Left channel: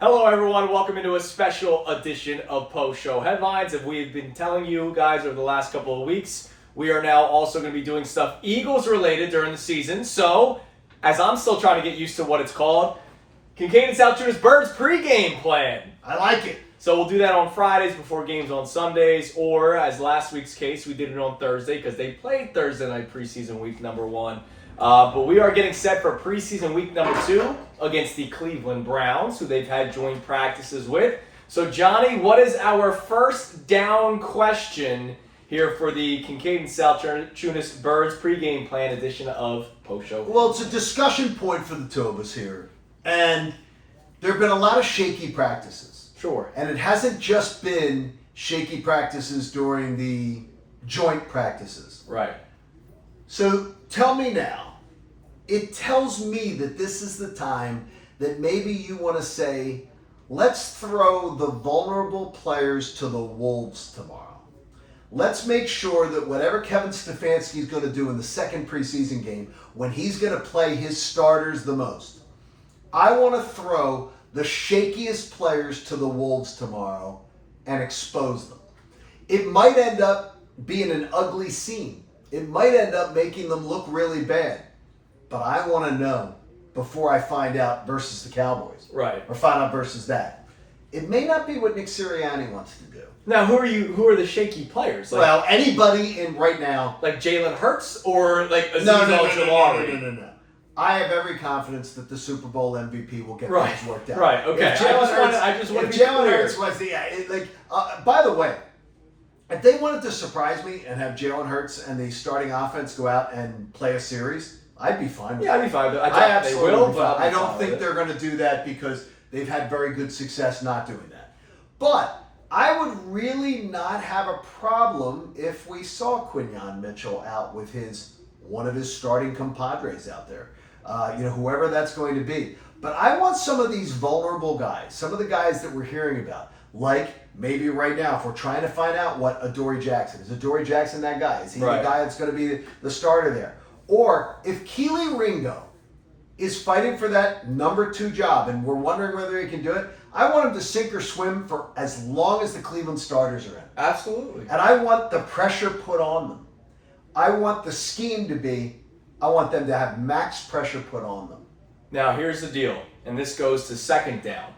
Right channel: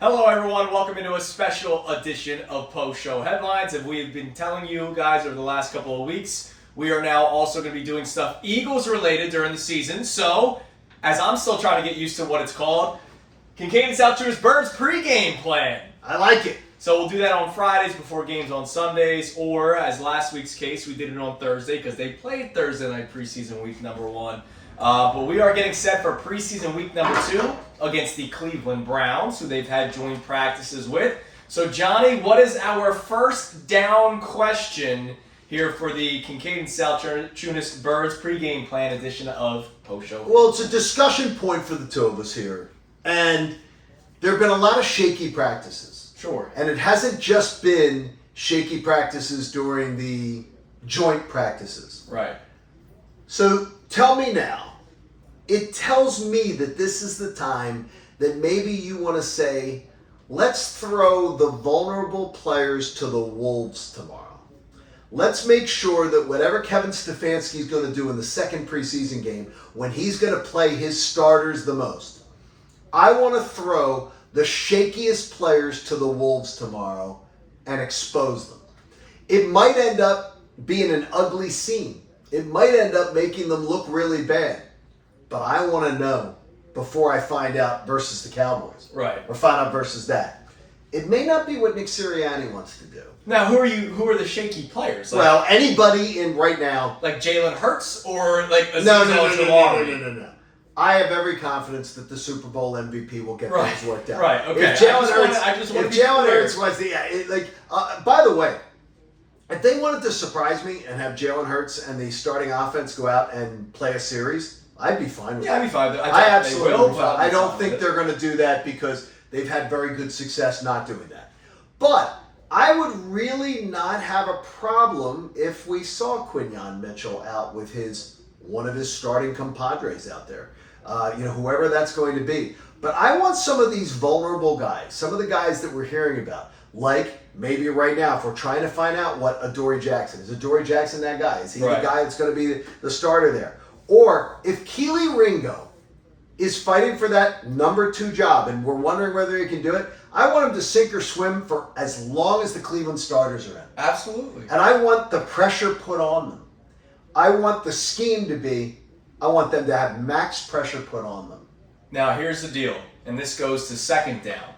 Hello everyone, welcome into a special edition of Post-Show Headlines. As we've been telling you guys over the last couple of weeks, we are now also going to be doing stuff Eagles related during the season. So, as I'm still trying to get used to what it's called, Kincade and Salciunas Birds pregame plan. I like it. So we'll do that on Fridays before games on Sundays, or as last week's case, we did it on Thursday because they played Thursday night preseason week number 1. But we are getting set for preseason week number 2 against the Cleveland Browns, who they've had joint practices with. So, Johnny, what is our first down question here for the Kincade and Salciunas Birds pregame plan edition of Post-Show? Well, it's a discussion point for the two of us here. And there have been a lot of shaky practices. Sure. And it hasn't just been shaky practices during the joint practices. Right. So, tell me now. It tells me that this is the time that maybe you want to say, let's throw the vulnerable players to the wolves tomorrow. Let's make sure that whatever Kevin Stefanski is going to do in the second preseason game, when he's going to play his starters the most, I want to throw the shakiest players to the wolves tomorrow and expose them. It might end up being an ugly scene. It might end up making them look really bad. But I want to know before I find out versus the Cowboys. Right. Or find out versus that. It may not be what Nick Sirianni wants to do. Now, who are the shaky players? Like, Well, anybody in right now. like Jalen Hurts or like Azeez No. Ojulari? I have every confidence that the Super Bowl MVP will get things worked out. Right, okay. If Jalen Hurts was by the way, if they wanted to surprise me and have Jalen Hurts and the starting offense go out and play a series, I'd be fine with Yeah, that. I'd be fine with it. I absolutely will, but I don't think they're going to do that because they've had very good success not doing that. But I would really not have a problem if we saw Quinyon Mitchell out with one of his starting compadres out there. Whoever that's going to be. But I want some of these vulnerable guys, some of the guys that we're hearing about, like maybe right now, if we're trying to find out what Adoree Jackson is. Adoree Jackson that guy? Is he the guy that's going to be the starter there? Or if Keely Ringo is fighting for that number 2 job and we're wondering whether he can do it, I want him to sink or swim for as long as the Cleveland starters are in. Absolutely. And I want the pressure put on them. I want the scheme to be, I want them to have max pressure put on them. Now, here's the deal, and this goes to second down.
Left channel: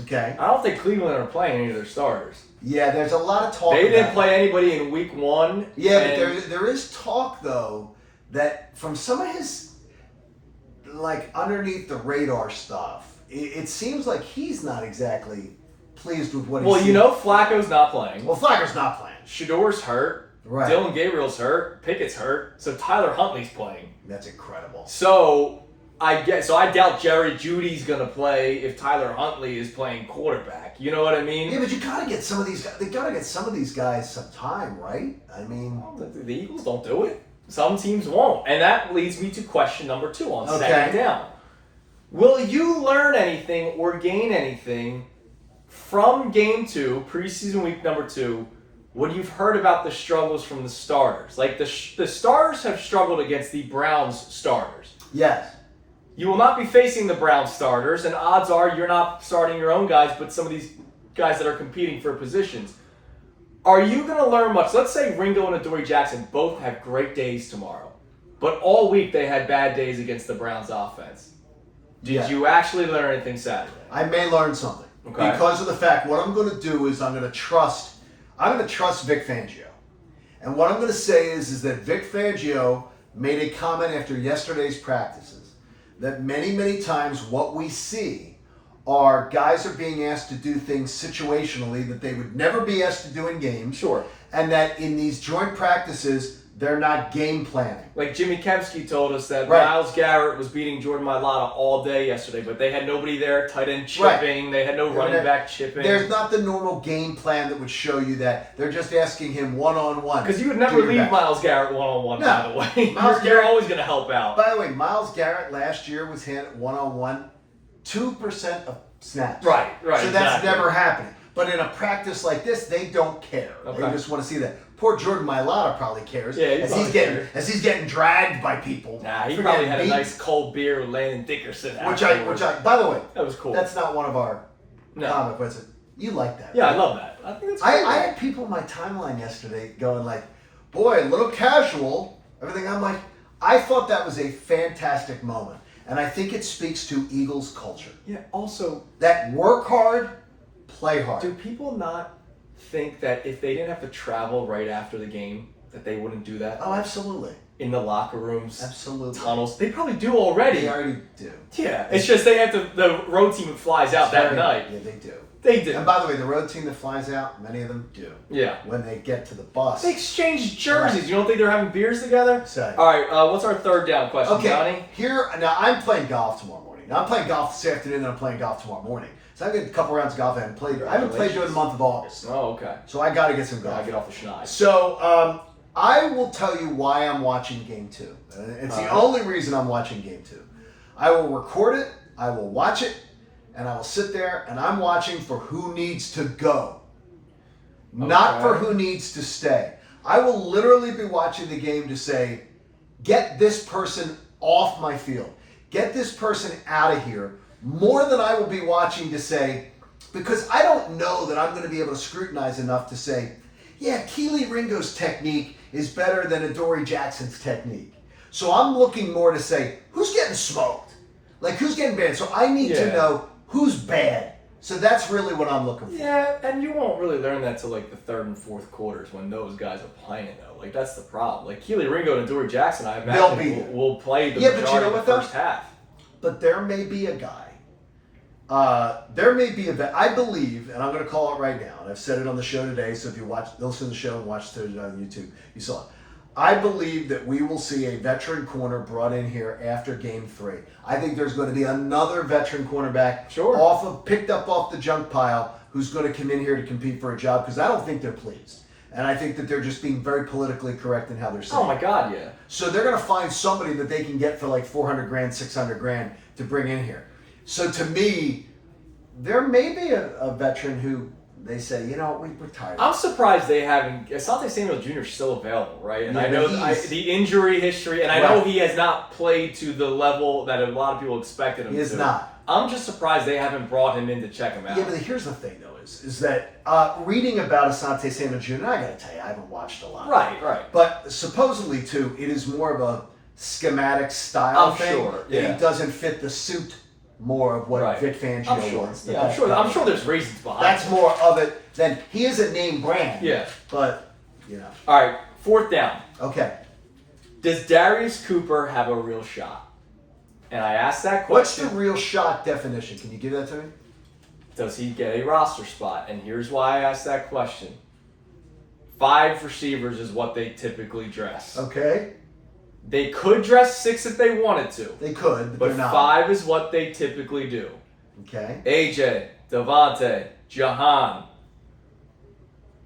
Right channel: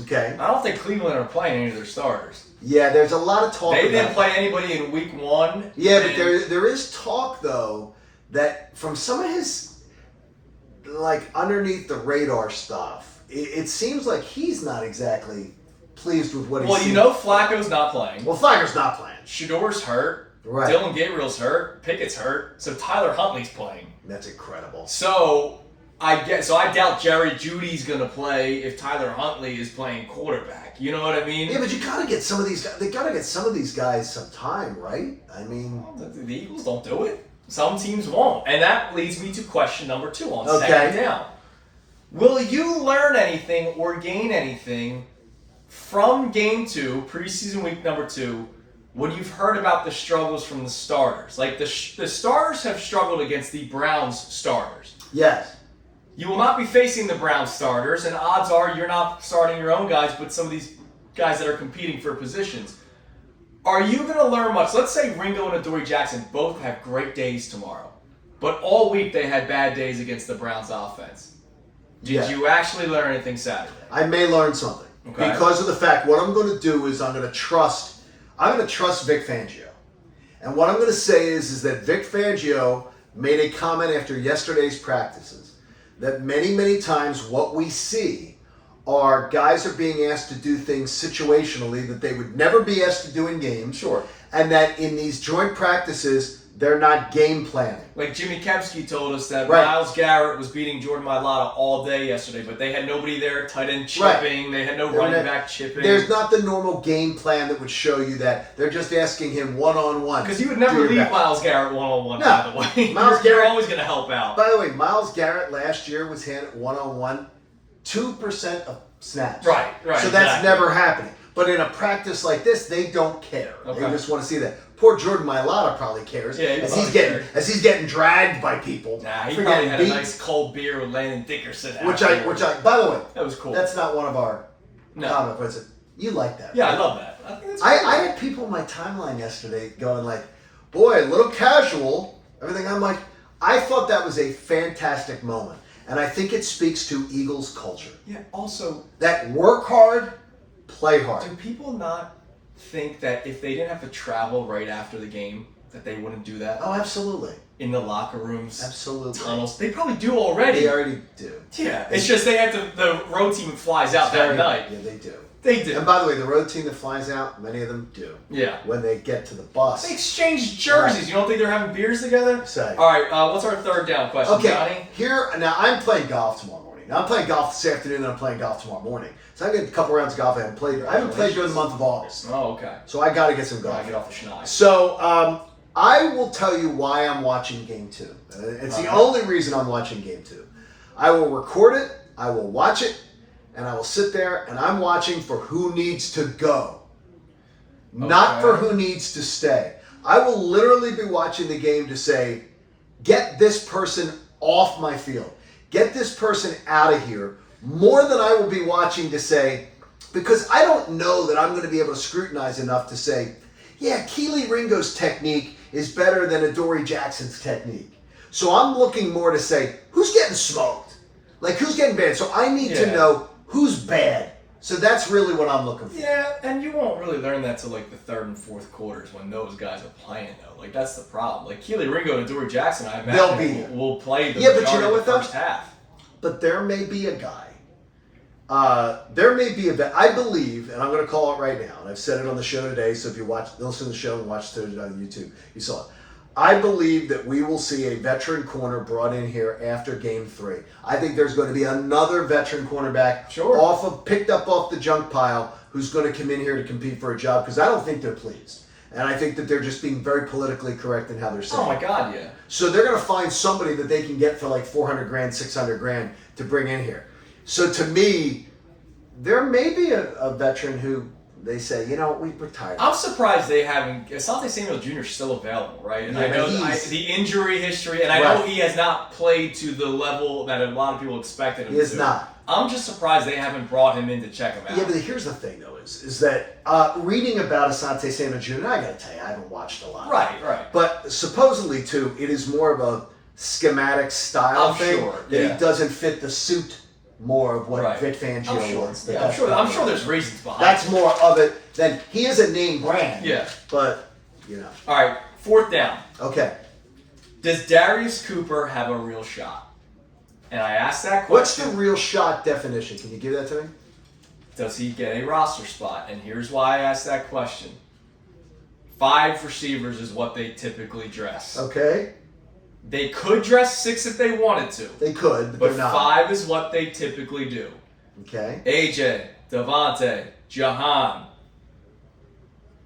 Okay. I don't think Cleveland are playing any of their starters. Yeah, there's a lot of talk. They didn't play anybody in week 1. Yeah, but there is talk, though, that from some of his, underneath the radar stuff, it seems like he's not exactly pleased with what he's seeing. Well, Flacco's not playing. Well, Flacco's not playing. Shador's hurt. Right. Dylan Gabriel's hurt. Pickett's hurt. So Tyler Huntley's playing. That's incredible. So I doubt Jerry Jeudy's going to play if Tyler Huntley is playing quarterback. You know what I mean? Yeah, but you got to get some of these guys. They got to get some of these guys some time, right? I mean, the Eagles don't do it. Some teams won't. And that leads me to question number 2 on second down. Will you learn anything or gain anything from game 2, preseason week number 2, when you've heard about the struggles from the starters? Like the starters have struggled against the Browns starters. yes. You will not be facing the Browns starters, and odds are you're not starting your own guys, but some of these guys that are competing for positions. Are you going to learn much? Let's say Ringo and Adoree Jackson both have great days tomorrow, but all week they had bad days against the Browns offense. Did you actually learn anything Saturday? I may learn something. Okay. Because of the fact, what I'm going to do is I'm going to trust Vic Fangio. And what I'm going to say is that Vic Fangio made a comment after yesterday's practices that many, many times what we see are guys are being asked to do things situationally that they would never be asked to do in games. Sure. And that in these joint practices, they're not game planning. Like Jimmy Kempski told us that Right. Myles Garrett was beating Jordan Mailata all day yesterday, but they had nobody there, tight end chipping, they had no running back chipping. There's not the normal game plan that would show you that. They're just asking him one-on-one. Because you would never leave Myles Garrett one-on-one, No. by the way. Myles You're Garrett- always going to help out. By the way, Myles Garrett last year was handed one-on-one 2% of snaps. Right, So that's exactly. never happening. But in a practice like this, they don't care. Okay. They just want to see that. Poor Jordan Mailata probably cares. Yeah, as he's getting dragged by people. Nah, he probably had a nice cold beer with Landon Dickerson. Which I, by the way, that was cool. That's not one of our comic books. You like that? Yeah, right? I love that. I think that's cool. I had people in my timeline yesterday going like, "Boy, a little casual." Everything. I'm like, I thought that was a fantastic moment, and I think it speaks to Eagles culture. Yeah. Also, that work hard, play hard. Do people not think that if they didn't have to travel right after the game, that they wouldn't do that? Oh, absolutely. In the locker rooms, absolutely, tunnels. They probably do already. They already do. Yeah. It's just they have to. The road team flies out that night. Yeah, they do. They do. And by the way, the road team that flies out, many of them do. Yeah. When they get to the bus. They exchange jerseys. Right. You don't think they're having beers together? Say. All right, what's our third down question, Johnny? Now I'm playing golf tomorrow morning. Now I'm playing golf this afternoon and I'm playing golf tomorrow morning. So I've got a couple rounds of golf I haven't played. I haven't played during the month of August. Oh, okay. So I got to get some golf. Gotta get off the schneid. So I will tell you why I'm watching Game 2. It's the only reason I'm watching Game 2. I will record it, I will watch it, and I will sit there and I'm watching for who needs to go. Okay. Not for who needs to stay. I will literally be watching the game to say, get this person off my field. Get this person out of here. More than I will be watching to say, because I don't know that I'm going to be able to scrutinize enough to say, yeah, Keely Ringo's technique is better than Adoree Jackson's technique. So I'm looking more to say, who's getting smoked? Like, who's getting banned? So I need to know who's bad. So that's really what I'm looking for. Yeah, and you won't really learn that till like the third and fourth quarters when those guys are playing though. Like that's the problem. Like Keely Ringo and Adoree Jackson, I imagine will play the majority of the first half. But there may be a guy. There may be I believe, and I'm going to call it right now, and I've said it on the show today, so if you listen to the show and watch it on YouTube, you saw it. I believe that we will see a veteran corner brought in here after Game 3. I think there's going to be another veteran cornerback picked up off the junk pile who's going to come in here to compete for a job because I don't think they're pleased. And I think that they're just being very politically correct in how they're saying. Oh my God, yeah. So they're going to find somebody that they can get for like $400,000, $600,000 to bring in here. So to me, there may be a veteran who they say, we're tired. I'm surprised they haven't. Asante Samuel Jr. is still available, right? And I know the injury history, and I know he has not played to the level that a lot of people expected him to. He is not. I'm just surprised they haven't brought him in to check him out. Yeah, but here's the thing, though, is that reading about Asante Samuel Jr., I got to tell you, I haven't watched a lot. Right. But supposedly, too, it is more of a schematic style thing. Sure, that he doesn't fit the suit more of what Vic Fangio wants. Yeah, I'm sure there's reasons behind That's more of it than he is a name brand. Yeah. But, All right, fourth down. Okay. Does Darius Cooper have a real shot? And I asked that question. What's the real shot definition? Can you give that to me? Does he get a roster spot? And here's why I asked that question. 5 receivers is what they typically dress. Okay. They could dress 6 if they wanted to. They could, but they're not. 5 is what they typically do. Okay. AJ, Devontae, Jahan,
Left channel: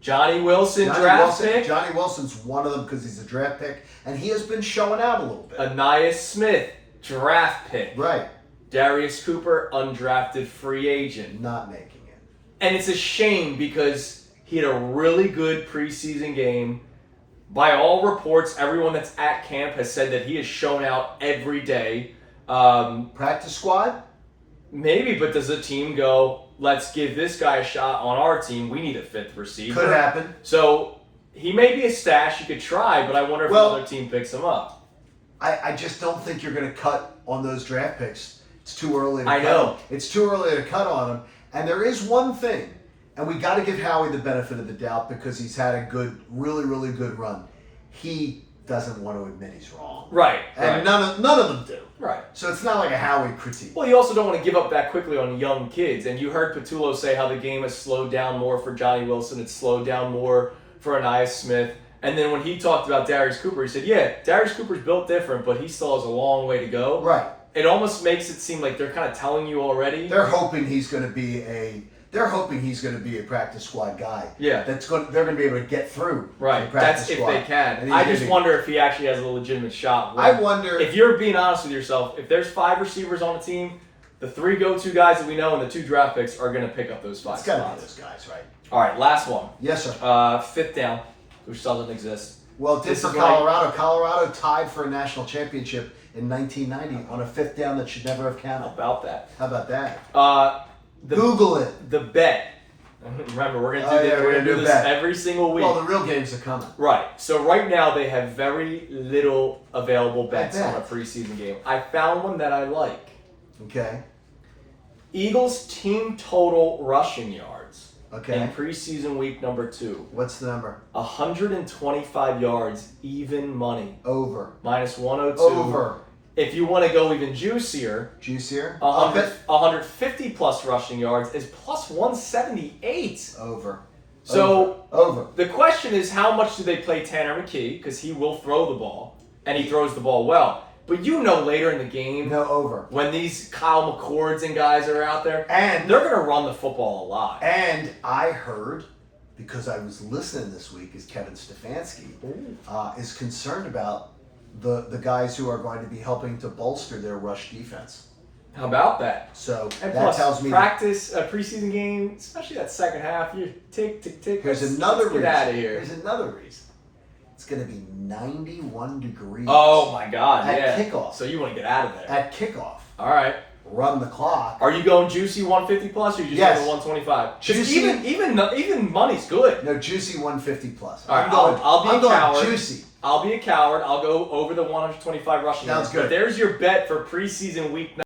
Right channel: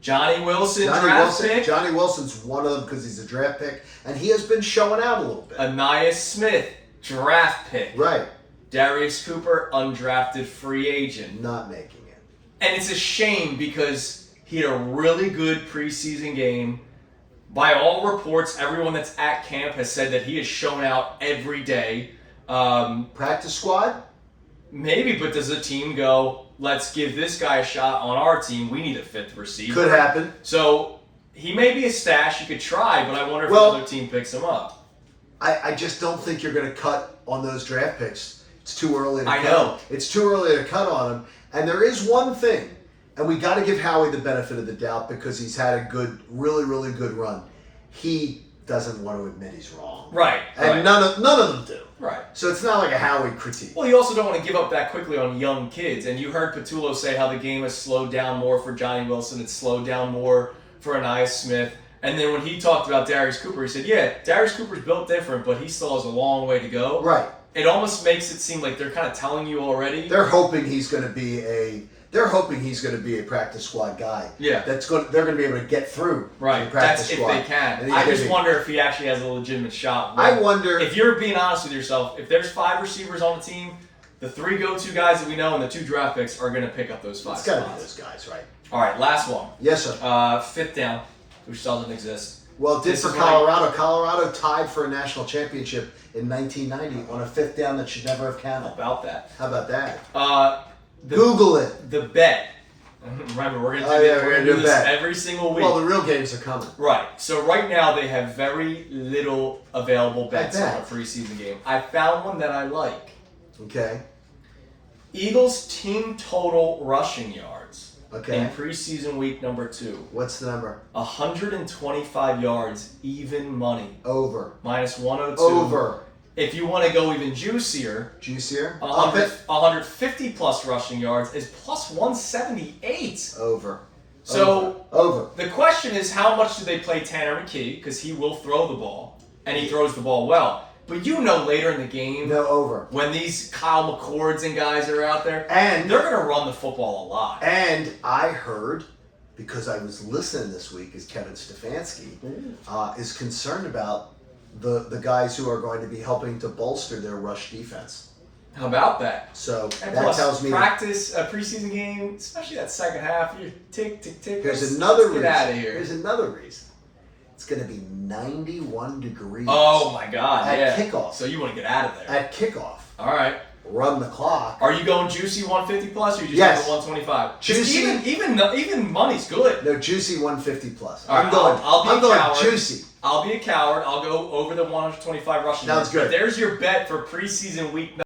Johnny Wilson, draft pick. Johnny Wilson's one of them because he's a draft pick, and he has been showing out a little bit. Ainias Smith, draft pick. Right. Darius Cooper, undrafted free agent. Not making it. And it's a shame because he had a really good preseason game. By all reports, everyone that's at camp has said that he has shown out every day. Practice squad? Maybe, but does a team go, let's give this guy a shot on our team? We need a 5th receiver. Could happen. So he may be a stash. You could try, but I wonder if another team picks him up. I just don't think you're going to cut on those draft picks. It's too early to cut. I know. It's too early to cut on them. And there is one thing. And we got to give Howie the benefit of the doubt because he's had a good, really, really good run. He doesn't want to admit he's wrong. Right. And none of them do. Right. So it's not like a Howie critique. Well, you also don't want to give up that quickly on young kids. And you heard Patullo say how the game has slowed down more for Johnny Wilson. It's slowed down more for Ainias Smith. And then when he talked about Darius Cooper, he said, yeah, Darius Cooper's built different, but he still has a long way to go. Right. It almost makes it seem like they're kind of telling you already. They're hoping he's going to be a practice squad guy. Yeah. They're going to be able to get through. Right. That's squad. if they can. I just wonder if he actually has a legitimate shot. I wonder if you're being honest with yourself. If there's 5 receivers on the team, the 3 go-to guys that we know and the 2 draft picks are going to pick up those 5 spots. It's got to be those guys, right? All right, last one. Yes, sir. 5th down. which doesn't exist. Well, it did This for is like- Colorado. Colorado tied for a national championship in 1990 on a 5th down that should never have How counted. about that? How about that? The, Google it. The bet. Remember, we're gonna do, Oh, yeah, we're we're gonna gonna do do this bet. every single week. Well, the real games are coming. Right. So right now they have very little available bets bet. on a preseason game. I found one that I like. Okay. Eagles team total rushing yards Okay. in preseason week number 2. What's the number? 125 yards, even money. Over. Minus 102. Over. If you want to go even juicier, Juicier? Up 100, it? 150 plus rushing yards is plus 178. Over. So Over. the question is, how much do they play Tanner McKee? Because he will throw the ball, and he throws the ball well. But you know later in the game, No, over. when these Kyle McCords and guys are out there, And they're going to run the football a lot. And I heard, because I was listening this week, is Kevin Stefanski is concerned about the guys who are going to be helping to bolster their rush defense. How about that? So And that plus, tells me practice a preseason game, especially that second half, you tick, tick, tick. here's another let's reason. get out of here. Here's another reason. It's going to be 91 degrees. Oh my God! At Yeah. kickoff. So you want to get out of there? At kickoff. All right. Run the clock. Are you going juicy 150 plus, or you just Yes. going 125? Juicy. Even money's good. No, juicy 150 plus. All right, I'm going. I'll be I'm a going coward. juicy. I'll be a coward. I'll go over the 125 rushing Sounds yards. good. But there's your bet for preseason week